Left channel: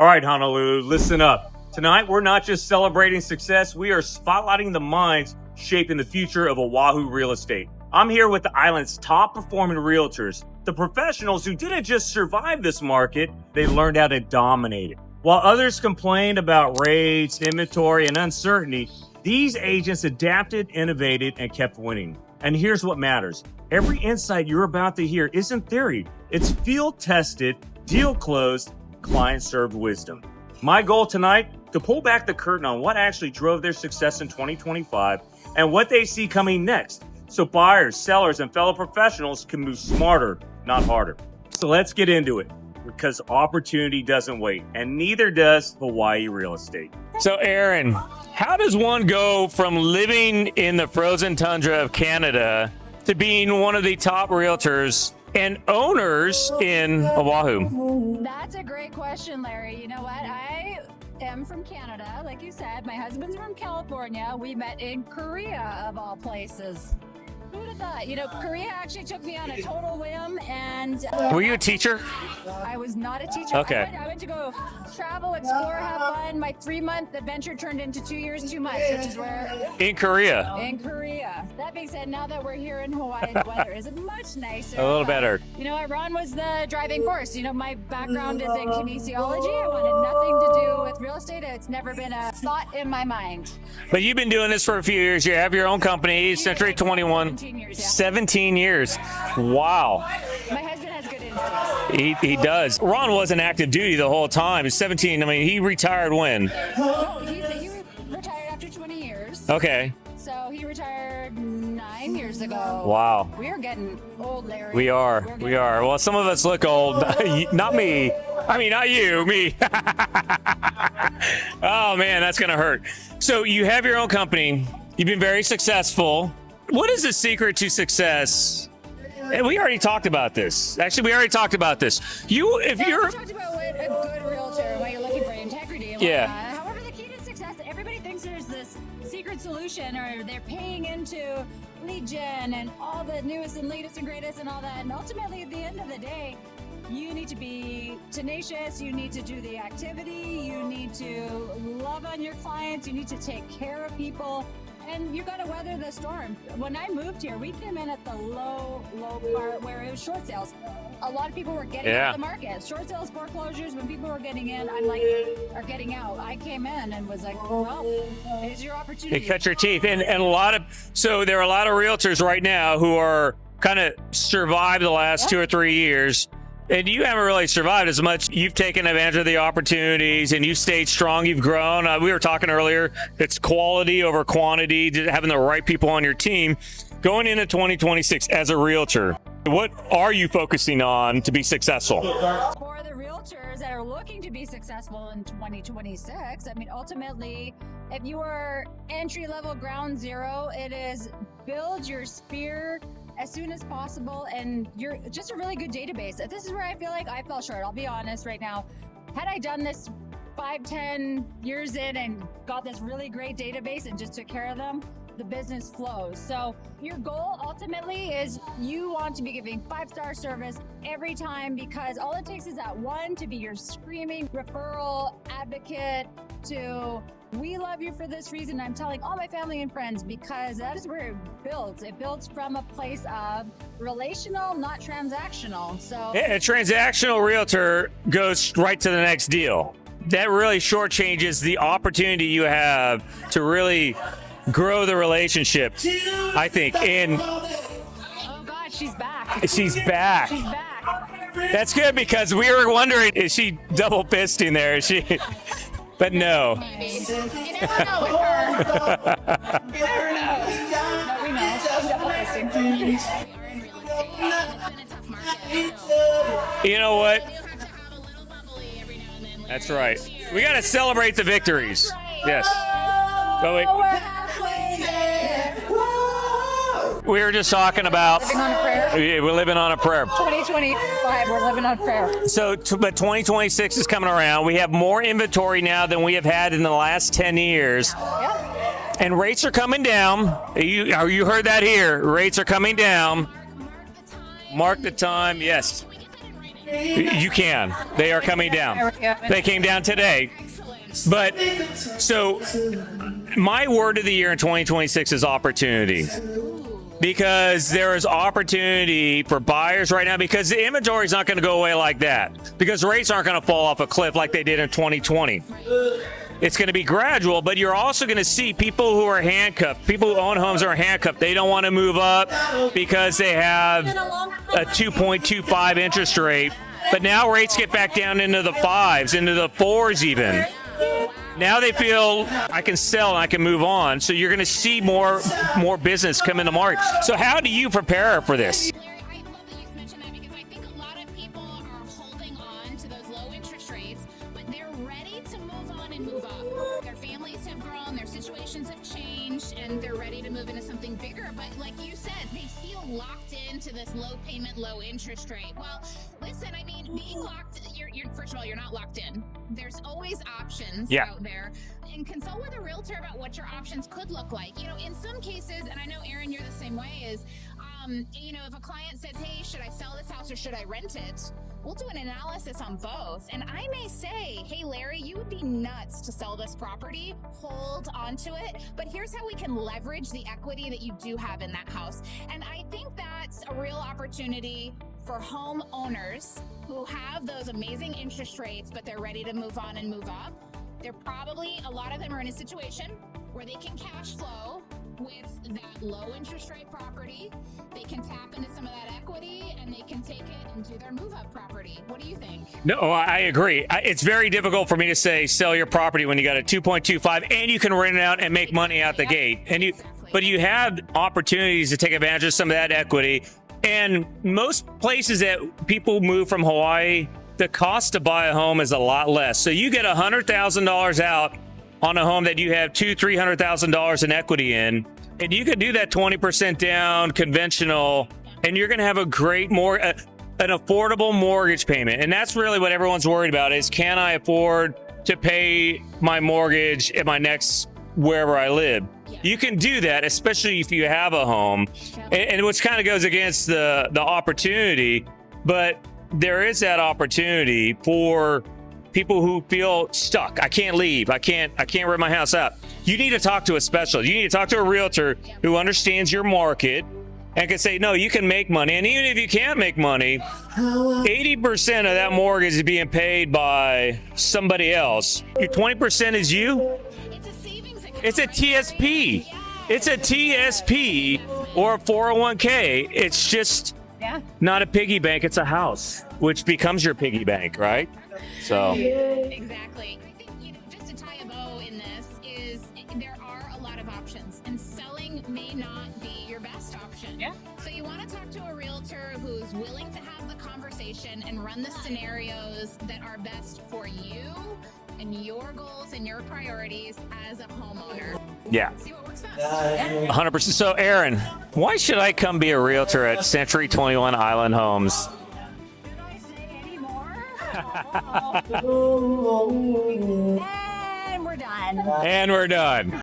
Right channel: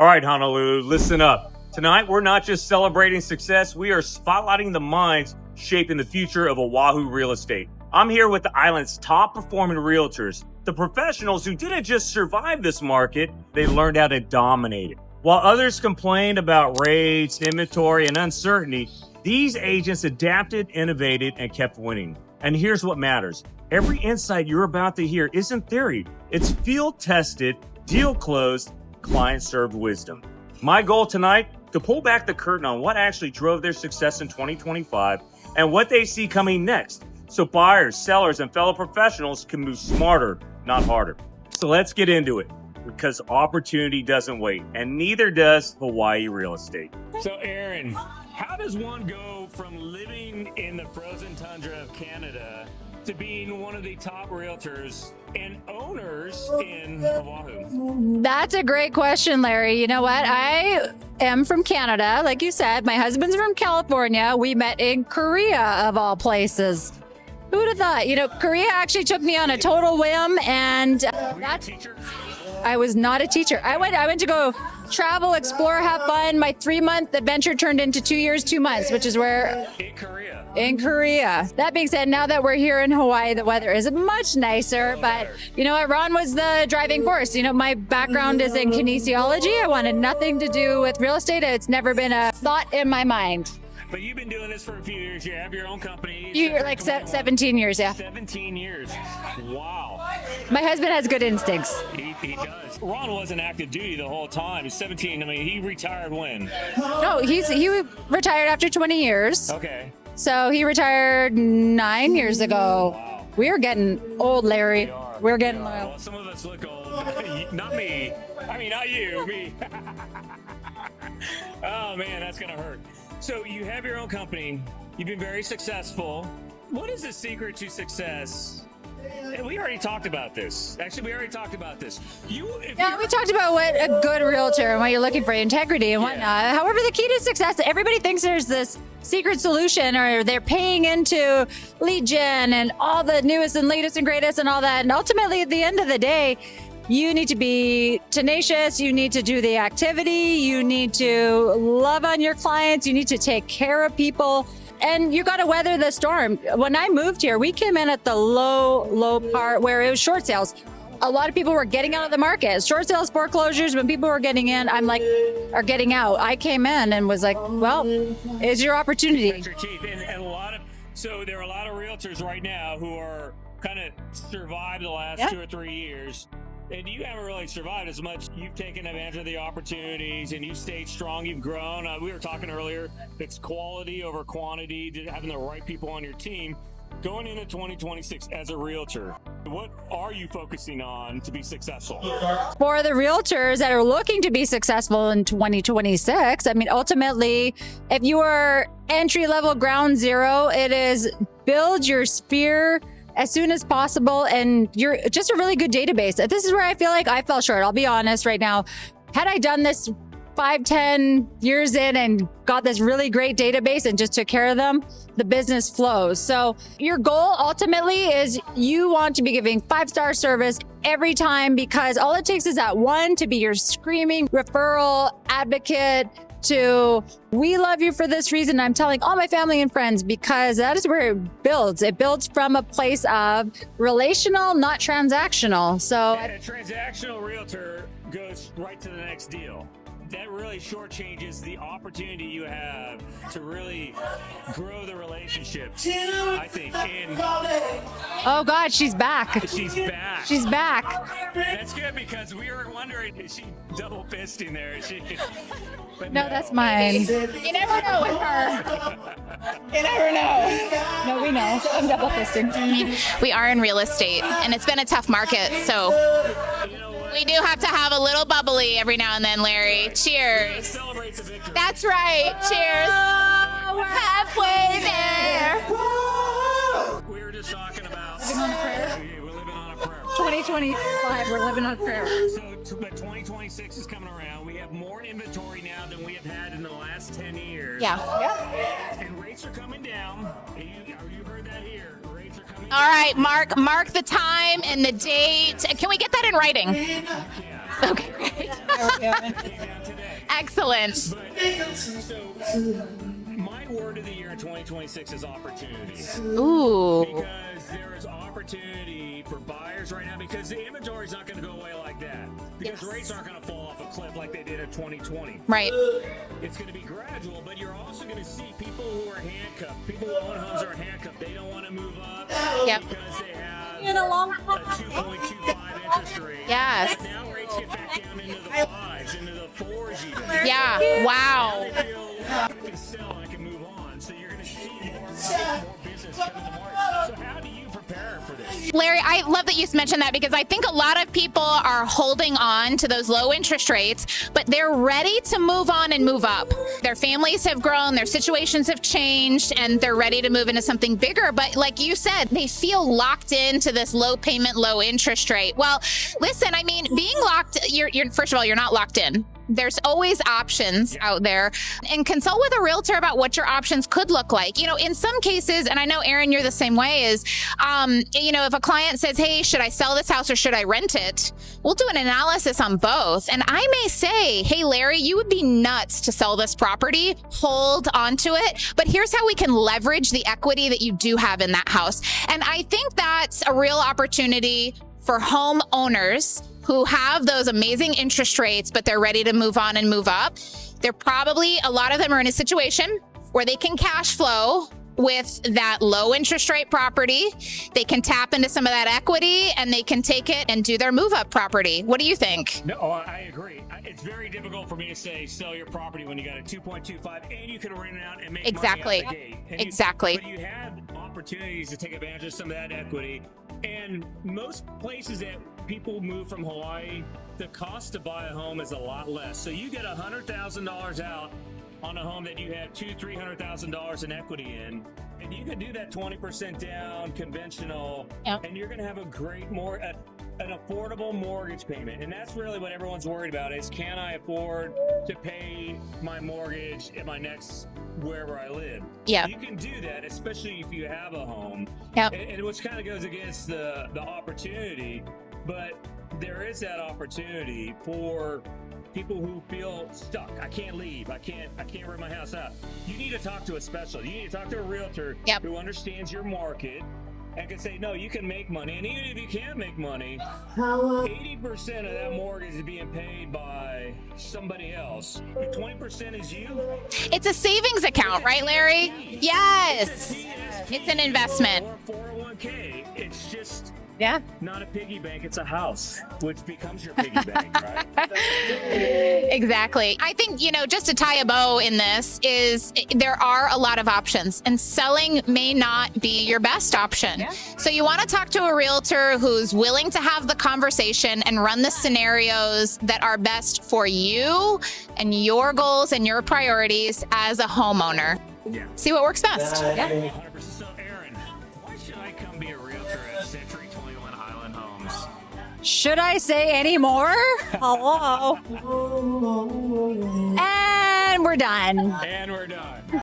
All right, Honolulu, listen up. Tonight, we're not just celebrating success, we are spotlighting the minds shaping the future of Oʻahu real estate. I'm here with the island's top performing realtors, the professionals who didn't just survive this market, they learned how to dominate it. While others complained about rates, inventory, and uncertainty, these agents adapted, innovated, and kept winning. And here's what matters. Every insight you're about to hear isn't theory. It's field-tested, deal-closed, client-served wisdom. My goal tonight, to pull back the curtain on what actually drove their success in 2025 and what they see coming next, so buyers, sellers, and fellow professionals can move smarter, not harder. So let's get into it, because opportunity doesn't wait, and neither does Hawaii real estate. So Erin, how does one go from living in the frozen tundra of Canada to being one of the top realtors and owners in Oʻahu? That's a great question, Larry. You know what? I am from Canada, like you said. My husband's from California. We met in Korea, of all places. Who would have thought? You know, Korea actually took me on a total whim, and Were you a teacher? I was not a teacher. Okay. I went to go travel, explore, have fun. My 3-month adventure turned into 2 years, 2 months, which is where... In Korea. In Korea. That being said, now that we're here in Hawaii, the weather is much nicer. A little better. You know what? Ron was the driving force. You know, my background is in kinesiology. I wanted nothing to do with real estate. It's never been a thought in my mind. But you've been doing this for a few years. You have your own company, You- Century like 21. 17 years, yeah. 17 years. Wow. My husband has good instincts. He does. Ron wasn't active duty the whole time. He's 17. I mean, he retired when? No, he retired after 20 years. Okay. So he retired 9 years ago. Wow. We are getting old, Larry. We are. We're getting old. Well, some of us look old. Not me. I mean, not you, me. Oh, man, that's going to hurt. So you have your own company. You've been very successful. What is the secret to success? And we already talked about this. Actually, we already talked about this. We talked about what a good realtor and what you're looking for, integrity and whatnot. Yeah. However, the key to success, everybody thinks there's this secret solution, or they're paying into lead gen and all the newest and latest and greatest and all that. And ultimately, at the end of the day, you need to be tenacious. You need to do the activity. You need to love on your clients. You need to take care of people. And you got to weather the storm. When I moved here, we came in at the low part where it was short sales. A lot of people were getting out of the market. Short sales, foreclosures, when people were getting in, are getting out. I came in and was like, well, it's your opportunity. You cut your teeth. And so there are a lot of realtors right now who are kind of survived the last 2 or 3 years. And you haven't really survived as much. You've taken advantage of the opportunities and you've stayed strong. You've grown. We were talking earlier, it's quality over quantity, having the right people on your team. Going into 2026 as a realtor, what are you focusing on to be successful? For the realtors that are looking to be successful in 2026, I mean, ultimately, if you are entry-level ground zero, it is build your sphere as soon as possible, and you're just a really good database. This is where I feel like I fell short. I'll be honest right now. Had I done this 5-10 years in and got this really great database and just took care of them, the business flows. So your goal ultimately is you want to be giving 5-star service every time, because all it takes is that one to be your screaming referral advocate to, we love you for this reason. I'm telling all my family and friends, because that is where it builds. It builds from a place of relational, not transactional. So a transactional realtor goes right to the next deal. That really shortchanges the opportunity you have to really grow the relationship, I think. And oh God, she's back. She's back. She's back. That's good, because we were wondering, is she double fisting there? Is she? But no. That's mine. You never know with her. You never know. No, we know. I'm double fisting. We are in real estate, and it's been a tough market, so You know what? we do have to have a little bubbly every now and then, Larry. That's right. Cheers. We got to celebrate the victories. That's right. Yes. Cheers. But wait, We're halfway there. we were just talking about we're living on a prayer. 2025, we're living on prayer. But 2026 is coming around. We have more inventory now than we have had in the last 10 years. Yeah. And rates are coming down. You heard that here. Rates are coming All down. right, mark the time Mark and the the time, date. yes. Can we get that in writing? You can. They are coming down. They came down today. Excellent. But so my word of the year in 2026 is opportunity. Ooh. Because there is opportunity for buyers right now, because the inventory is not going to go away like that, because rates aren't going to fall off a cliff like they did in 2020. Right. It's going to be gradual, but you're also going to see people who are handcuffed. People who own homes are handcuffed. They don't want to move up because they have a 2.25 interest rate. Yes. But now rates get back down into the 5s, into the 4s even. Yeah. Wow. Now they feel I can sell and I can move on. So you're going to see more business come in the market. So how do you prepare for this? Larry, I love that you mentioned that, because I think a lot of people are holding on to those low interest rates, but they're ready to move on and move up. Their families have grown, their situations have changed, and they're ready to move into something bigger. But like you said, they feel locked into this low payment, low interest rate. Well, listen, I mean, being locked, you're first of all, you're not locked in. There's always options out there, and consult with a realtor about what your options could look like. You know, in some cases, and I know, Erin, you're the same way, is, you know, if a client says, hey, should I sell this house or should I rent it? We'll do an analysis on both. And I may say, hey, Larry, you would be nuts to sell this property. Hold on to it. But here's how we can leverage the equity that you do have in that house. And I think that's a real opportunity for homeowners who have those amazing interest rates, but they're ready to move on and move up. They're probably, a lot of them are in a situation where they can cash flow with that low interest rate property. They can tap into some of that equity and they can take it and do their move up property. What do you think? No, I agree. It's very difficult for me to say sell your property when you got a 2.25 and you can rent it out and make money out the gate. And but you have opportunities to take advantage of some of that equity. And most places that people move from Hawaii, the cost to buy a home is a lot less. So you get $100,000 out on a home that you have $300,000 in equity in, and you could do that 20% down conventional, and you're going to have a great an affordable mortgage payment. And that's really what everyone's worried about, is can I afford to pay my mortgage at my next wherever I live? You can do that, especially if you have a home, and which kind of goes against the opportunity, but there is that opportunity for people who feel stuck. I can't leave. I can't rent my house out. You need to talk to a specialist. You need to talk to a realtor who understands your market and can say, no, you can make money. And even if you can't make money, 80% of that mortgage is being paid by somebody else. Your 20% is you. It's a savings account, it's a right, TSP. Larry? Yes. It's a TSP. It's an investment. Or a 401k. It's just not a piggy bank. It's a house, which becomes your piggy bank, right? So exactly. I think, you know, just to tie a bow in this, is there are a lot of options, and selling may not be your best option. So you want to talk to a realtor who's willing to have the conversation and run the scenarios that are best for you and your goals and your priorities as a homeowner. See what works best. 100%. So Erin, why should I come be a realtor at Century 21 Island Homes? Should I say any more? Hello. And we're done. And we're done.